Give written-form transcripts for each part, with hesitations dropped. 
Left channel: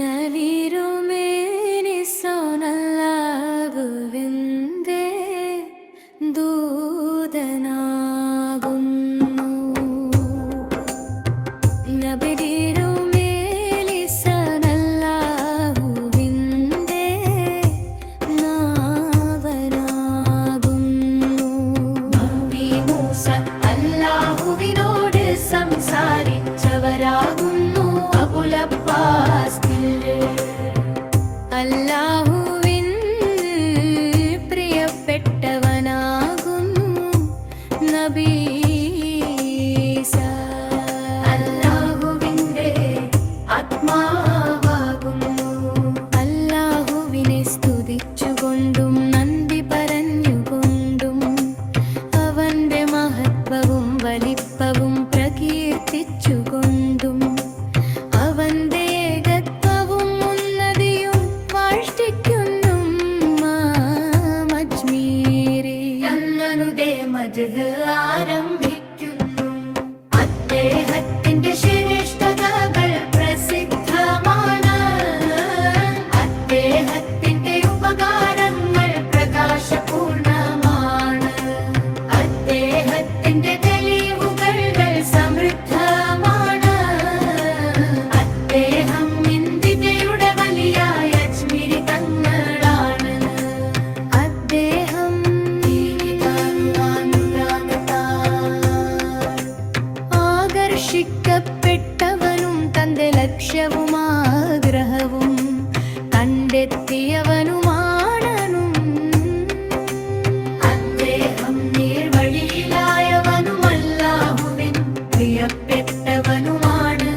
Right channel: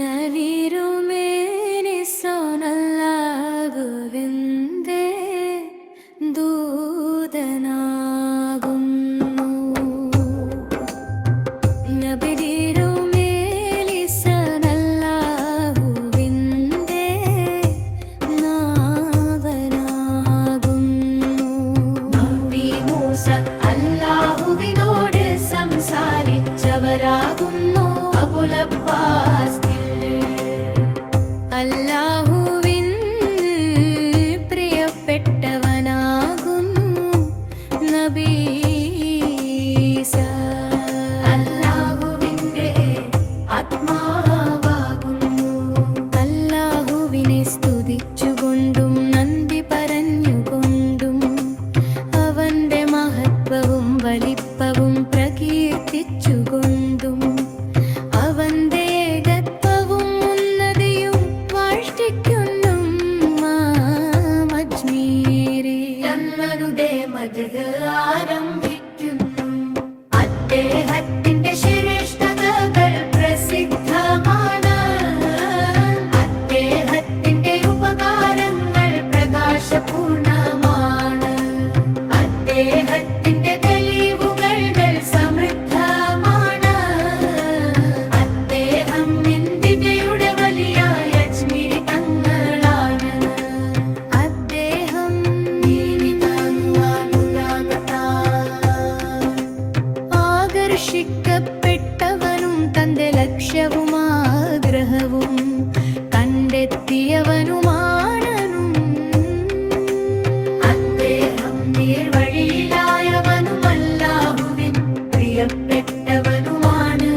നവിരുമേനിസോനല്ലാകുവിന്ദേ ദൂതനാകുന്നു. നബിരുമേലിസോനല്ലാഹുവിന്ദേ നാവനാകുന്നു. നബി മൂസ അല്ലാഹുവിനോട് സംസാരിച്ചവരാകുന്നു. അബുൽ അബ്ബാസ് അല്ലാഹുവിൻ പ്രിയപ്പെട്ടവനാകുന്നു. നബി ഈസാ അല്ലാഹുവിന്റെ ആത്മാവാകുന്നു. അല്ലാഹുവിനെ സ്തുതിച്ചുകൊണ്ടും നന്ദി പറഞ്ഞുകൊണ്ടും അവന്റെ മഹത്വവും വലിപ്പവും പ്രകീർത്തിച്ചുകൊണ്ടും അവന്റെ ഏകത്വവും ഉന്നതിയും വാഴ്ത്തിക്കുന്നും അജ്മീരി തങ്ങളുടെ മദ്ഹ് ആരംഭിക്കുന്നു. അദ്ദേഹത്തിന്റെ ശ്രേഷ്ഠതകൾ പ്രസിദ്ധമാണ്. അദ്ദേഹത്തിന്റെ ഉപകാരങ്ങൾ പ്രകാശപൂർണമാണ്. അദ്ദേഹത്തിന്റെ തെളിവുകൾ സമൃദ്ധമാണ്. അദ്ദേഹം ഇന്ത്യയുടെ വലിയായ അജ്മീരി തങ്ങളാണ്. അദ്ദേഹം ആകർഷിക്കപ്പെട്ടവനും തന്റെ ലക്ഷ്യവും ആഗ്രഹവും കണ്ടെത്തിയവനുമാണനും. അദ്ദേഹം നേർവഴിയിലായവനും അല്ലാഹുവിൻ പ്രിയപ്പെട്ടവനുമാണ്.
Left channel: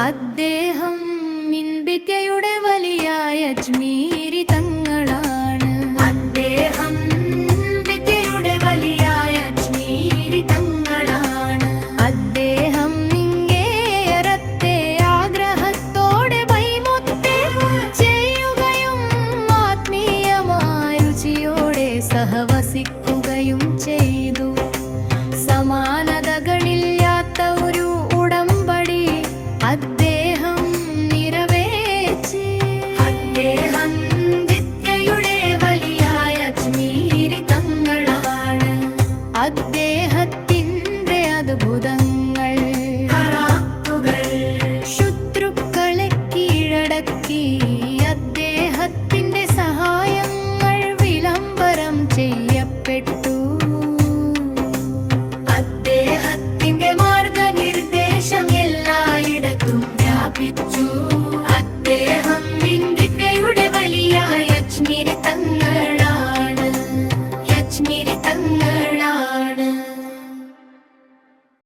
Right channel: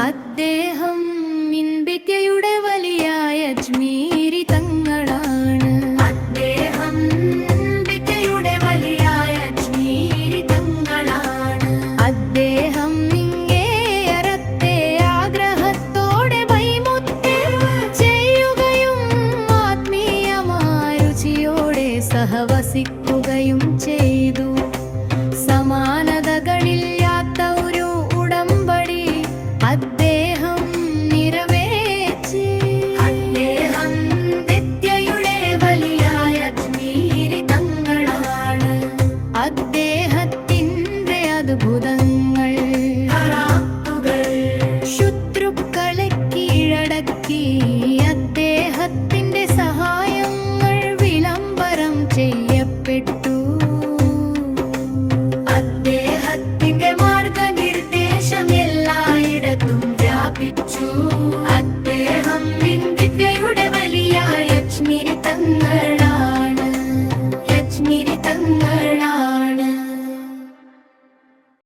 അദ്ദേഹം ഇന്ത്യയുടെ വലിയായ അജ്മീരി തങ്ങളാണ്. അദ്ദേഹം ഇന്ത്യയുടെ വലിയായ അജ്മീരി തങ്ങളാണ്. അദ്ദേഹം ഇങ്ങേയറ്റത്തെ ആഗ്രഹത്തോടെ വൈമുഖ്യം ചെയ്യുകയും ആത്മീയമായ രുചിയോടെ സഹവസിക്കുകയും ചെയ്തു. സമാനതകളില്ലാത്ത ഒരു ഉടമ്പടി അദ്ദേഹം നിറവേറ്റി. അദ്ദേഹം നിത്യയുടെ വലിയായ അജ്മീരി തങ്ങളാണ്. അദ്ദേഹത്തിന്റെ അദ്ഭുതങ്ങൾ ശത്രുക്കളെ കീഴടക്കി